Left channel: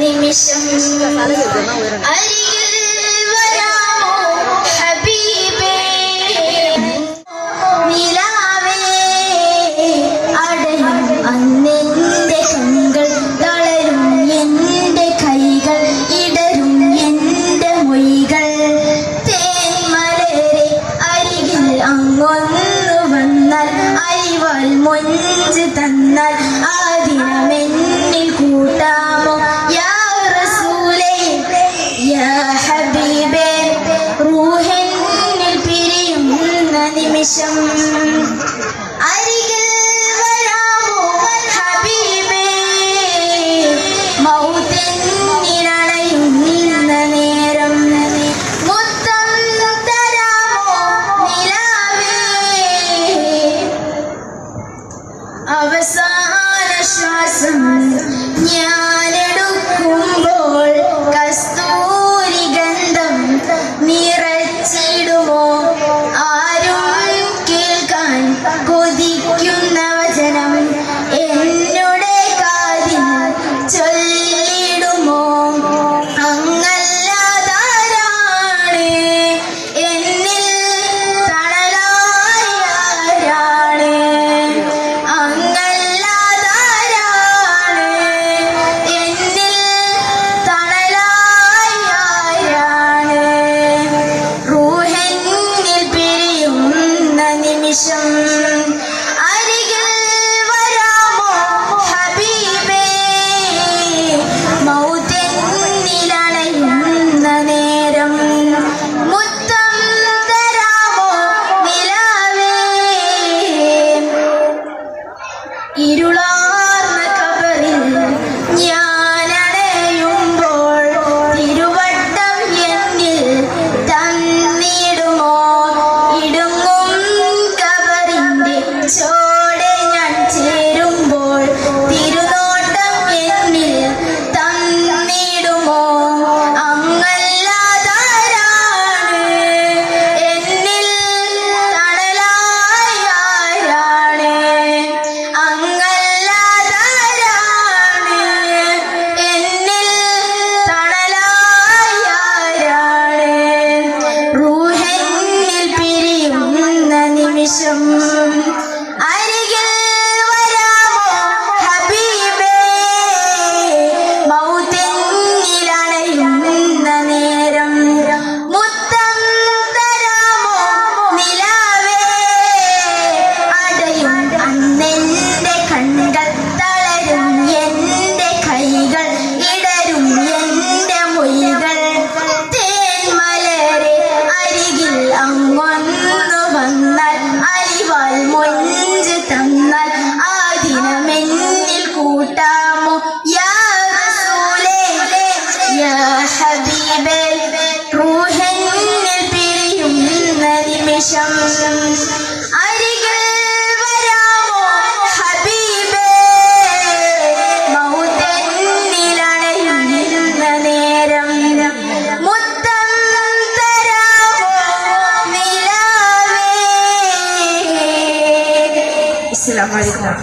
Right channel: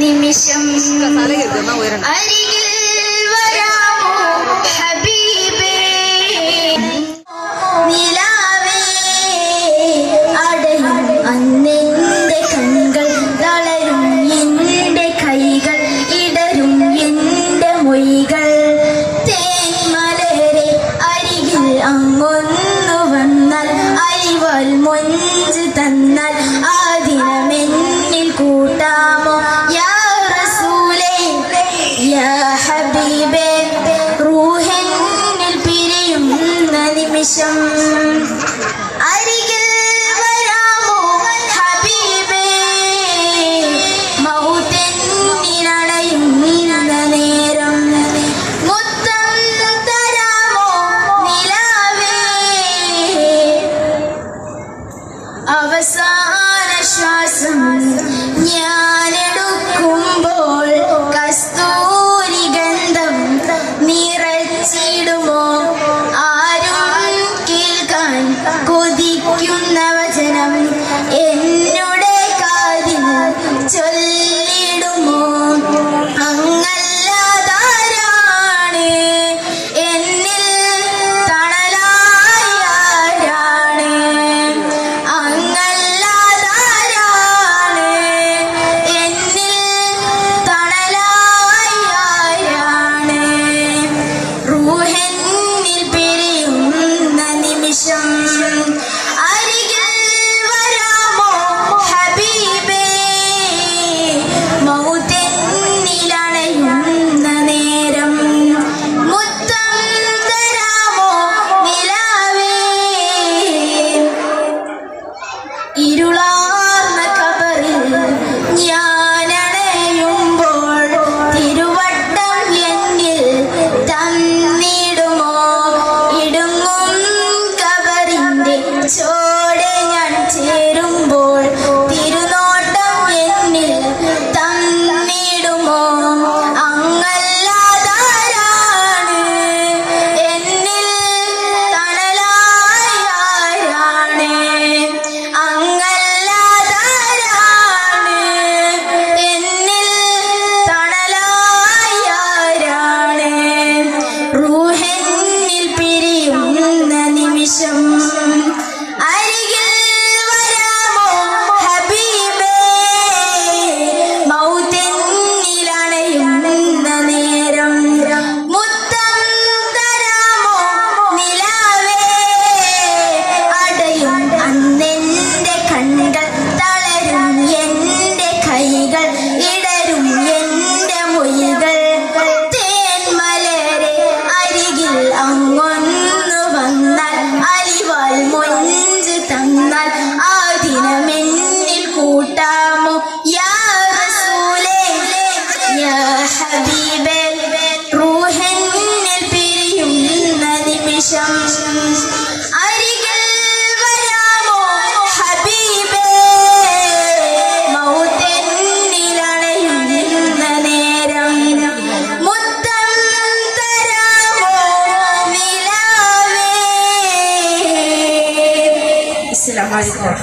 നിമിഷം അന്നെന്റെ കണ്ണുകൾ തളരും, എന്റെ കൈകൾ ഇടരും, എന്റെ മൊഴികൾ തേന്മലരെ അരികിൽ അങ്ങൊന്നു വന്നാൽ, അരിവാൽ മൊഞ്ച് തന്നാൽ ആ ദിനമെന്നിൽ കൂട്ടാമോ യാ റസൂലേ യാ ഹബീബേ. റൂഹെന്നിൽ പിരിയുന്ന നിമിഷം അരികിൽ വരാമോ ഹബീബേ. മൗതെന്നിലണയുന്ന നേരം മുത്തം തരാമോ നിലാവേ. അവസാന ശ്വാസം ഞാനെടുക്കുമ്പോൾ കസ്തൂരി ഗന്ധം നിറച്ചിടുമോ. ആരും കേൾക്കാൻ കൊതിക്കുന്ന വചനം എന്നുടെ കാതിൽ ചൊല്ലിടുമോ. അങ്ങല്ലാതാരാണ് എന്നിൽ തണലായി ആരാണ്. അങ്ങല്ലാതാരാണ് എന്നിൽ തണലായി ആരാണ്. റൂഹെന്നിൽ പിരിയുന്ന നിമിഷം അരികിൽ വരാമോ ഹബീബേ. മൗതെന്നിലണയുന്ന നേരം മുത്തം തരാമോ നിലാവേ. ഇരുളാർന്ന ഖബറിൽ ഞാനണയുമ്പോൾ തിരുവട്ടം എന്നിൽ തന്നിടുമോ. ഇടുങ്ങും ഖബറിന്റെ ചോടെ ഞാൻ ചേരുമ്പോൾ തിരുനോട്ടം എന്നിൽ തന്നിടുമോ. അങ്ങല്ലാതാരാണ് എന്നിൽ തണലായി ആരാണ്. അങ്ങല്ലാതാരാണ് എന്നിൽ തണലായി ആരാണ്. റൂഹെന്നിൽ പിരിയുന്ന നിമിഷം അരികിൽ വരാമോ ഹബീബേ. മൗതെന്നിലണയുന്ന നേരം മുത്തം തരാമോ നിലാവേ. അടയും അന്നെന്റെ കണ്ണുകൾ തളരും, എന്റെ കൈകൾ ഇടരും, എന്റെ മൊഴികൾ തേന്മലരെ അരികിൽ അങ്ങൊന്നു വന്നാൽ, അരിവാൽ മൊഞ്ച് തന്നാൽ ആ ദിനമെന്നിൽ കൂട്ടാമോ യാ റസൂലേ യാ ഹബീബേ. റൂഹെന്നിൽ പിരിയുന്ന നിമിഷം അരികിൽ വരാമോ ഹബീബേ. മൗതെന്നിലണയുന്ന നേരം മുത്തം തരാമോ നിലാവേ. അസ്സലാമു അലൈക്കും.